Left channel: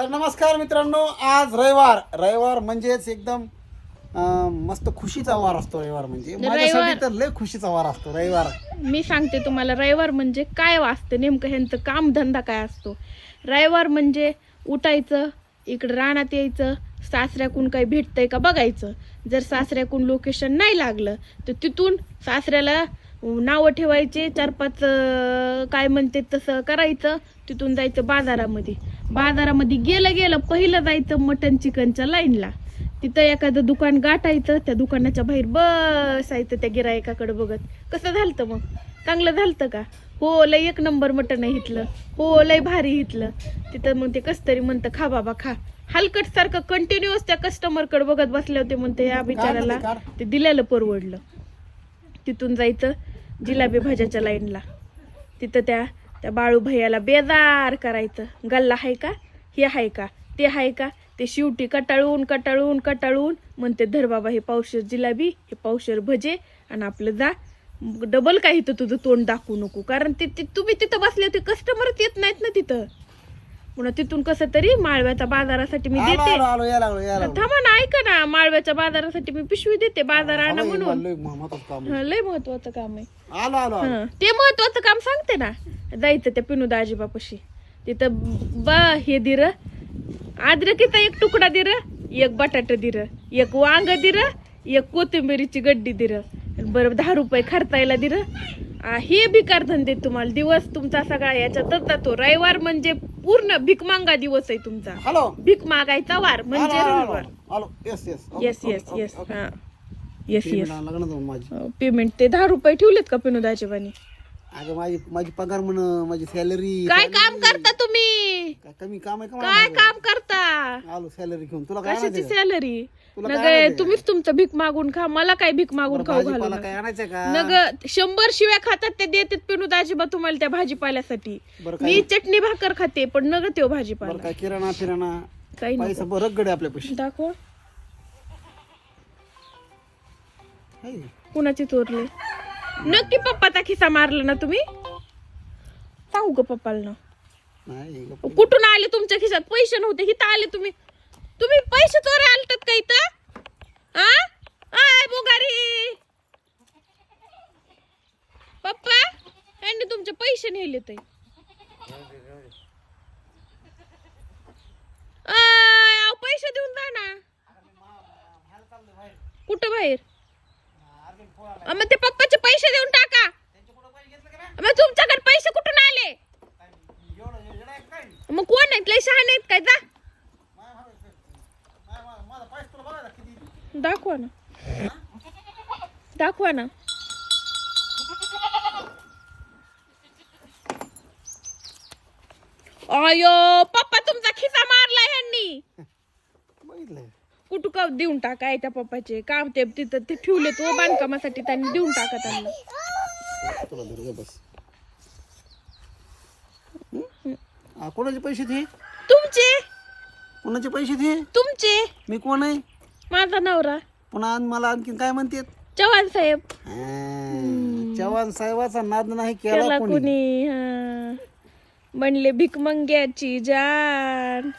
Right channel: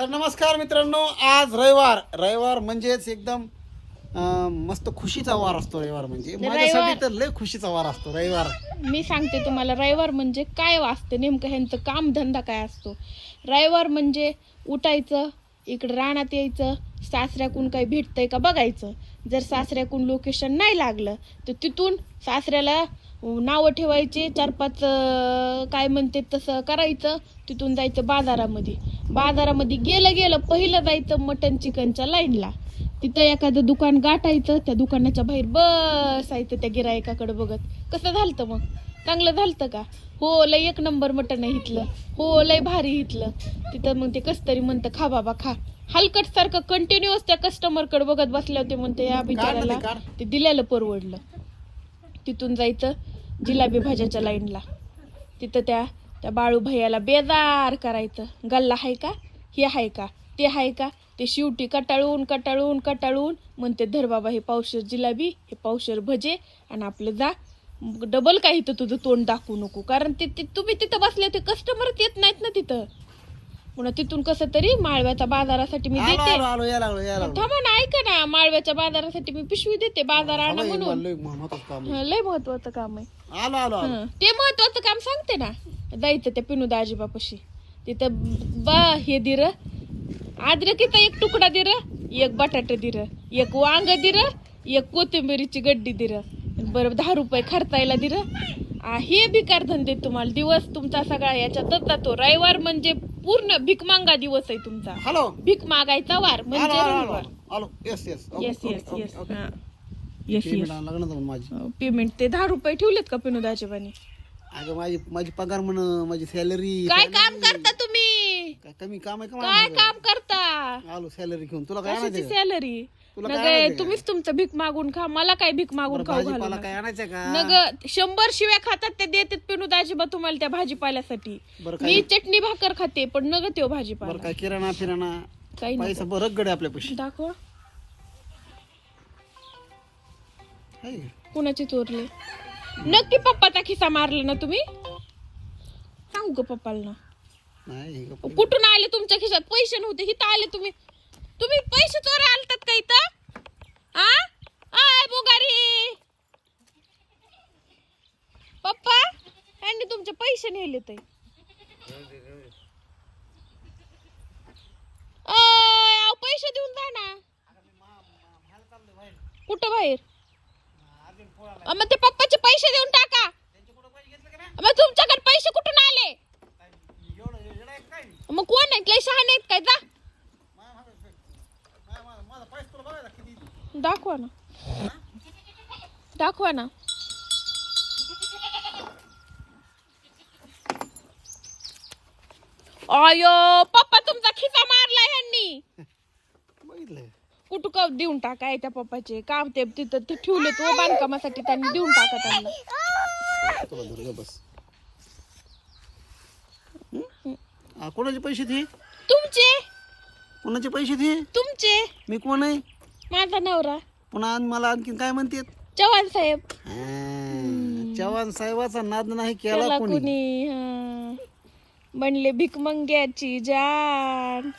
तर नमस्कार मित्रांनो आज रविवार. रविवार म्हणजेच एकदम अं, मस्त खुशीचा वार असतो रविवार म्हणजे. माझ्यासाठी तर लय खुशीचा वार असतो रविवार. मी सांगते तुम्हाला रविवार म्हणजे काय वाचतं नेमकं ह्यांचं काम धंदा काय असतो? रविवार म्हणजे उठायचं इकडं रानात यायचं सासऱ्याकून काही भेटतंय का बघायचं. जर सासऱ्याकून लोकेशन नाही लागलं तर तिथून सासऱ्याला नावं ठेवायचे चार पाच अं, काय म्हणते तसं करायचं तिथून जायचं बाजारामध्ये. बाजारामध्ये गेलं गेलं पहिलं जायचं मटन चिकनच्या लाईनला. तिथं एखादं दुकान गाठायचं त्या दुकानाच्या बाहेर बसायचं त्या गिरायकाकडे बघत. कसं झालतं मग? चांगलं झालतं का? हो लय एक नंबर मटण इथलं हो लय भारी इथलं तिथं मग ते कस तरी म्हणतं खा बाबा खा. हलकट सारखं कंटिन्युअस त्या कस्टमरकडे बघत बसले होते म्हणते या बिचाराला. ते दिलेलं परवडलं. तिथून जायचं जिलाबी भाज्याच्या लाईनला. तिथं त्या त्या बाळू भैयाला बेजार करायचं. गल्ला आहे का? हे आहे का? ते आहे का? ते शिवटी कटाळून कटाळून कटाळून म्हणते धर बाबा हे पावशर जिलाबी हे पावशर भजे आणि आपलं जा. डबल काय इथं तुझं तोंड दाखवू नको. कारण ते ते- तुम्ही तिथं बसले होते कस्टमरच येत नाहीत ना तिथं. पुन्हा तिथून कसं तरी माळव्याच्या बाजारासाठी मी देते. थांबा ना ऐका ना. माळव्याच्या बाजारासाठी मी पिशवी देते. बाजार आणा म्हणून. लय महत्वाचं काम आहे. ते महत्वाचं काम सांगते ना. जायचं त्या पिनू दाजीबापाशी तिथं बा हे दिर अद्रकीचा एक तुकडा दिर एक बटाटा दिर एक वांग दिर एक कोथिंबिरीची गड्डी दिर. बरं दहा रुपये खर्चायला दिर. आ, हे भिकार धंदे तुम्हाला. दिवस तुमचा सगळा याच्यातच जातो रविवार म्हणजे पूर्ण भीक मांगा दिवस आहे तुमचा. हॅलो भीक मागायचा वार. म्हणजे रविवार. Yes yes yes yes yes हा. येस पेमेंट ते दहा रुपये ठेवलेत का पिनू दाजीबानी अगं माझी माझी पगार म्हण माझी सॅलरी काय काम करता तुम्ही? काय कमी काम आहे का काय माझं? काम करता? आलो सॅलरी घेऊन. तुला काय कशाची आणायचं? सॅलरी तुला नग तुम्हीच तुमचं भीक मागून खा. मला काय भीक मागून खाऊ भाजीपाला घालू काय आणायचं का? नग शंभर शिव्या खातात ते देतात पिनू दाजीबा तुम्हाला त्या भाजीपाल्यासाठी. बरं काय मी चटणी भाकर खाते पण नग त्यो बरं भाजीपाला काय किराणा फिराणा काही नाही. पैसा बरं गडे आपल्या पैसे. दाखव. आहे? कुणाचे चोरले? नक्की पप्पाचा खिसा मारला ना तुम्ही? सांगू का पप्पाला. ना नाही का? कुठून आले तुमच्या खिशात? पैसे नव्हते इथं आले तुम्ही. तुम्ही पैसे चोरा आलतात का इथं? आ? आय मुगारी. पप्पा यांनी तुमचे पैसे नेले ते पैसे देऊन जा ना. कुठं बाहेर? अ, मग ते पप्पाचे पैसे देऊन टाका. मग तुमच्याकडे पैसे कुठून आले? मग कोण आहेत? लय शहाणे आहेत काय? जा. दाखवा ना. दाखवा ना. अयो पप्पा तुमचा खिसा मारला ह्यांनी. बघितलं कुठं का देऊन टाका त्या पप्पाचे? काम ते तिथं ते ठेवले तो बांधकामासाठी त्यांनी देऊन टाका त्यांना. कोणाचे पैसे ते? तुमचे? कोणाचे पैसे ते? तुमचे? मी कोण आहे? माझा नवरा. पुन्हा मला आणखीन काय म्हणतात? चव्हाण साहेब. चव्हाण साहेबाचा नाद नाही केला कोणी. म्हणले भिकमंग्याची जान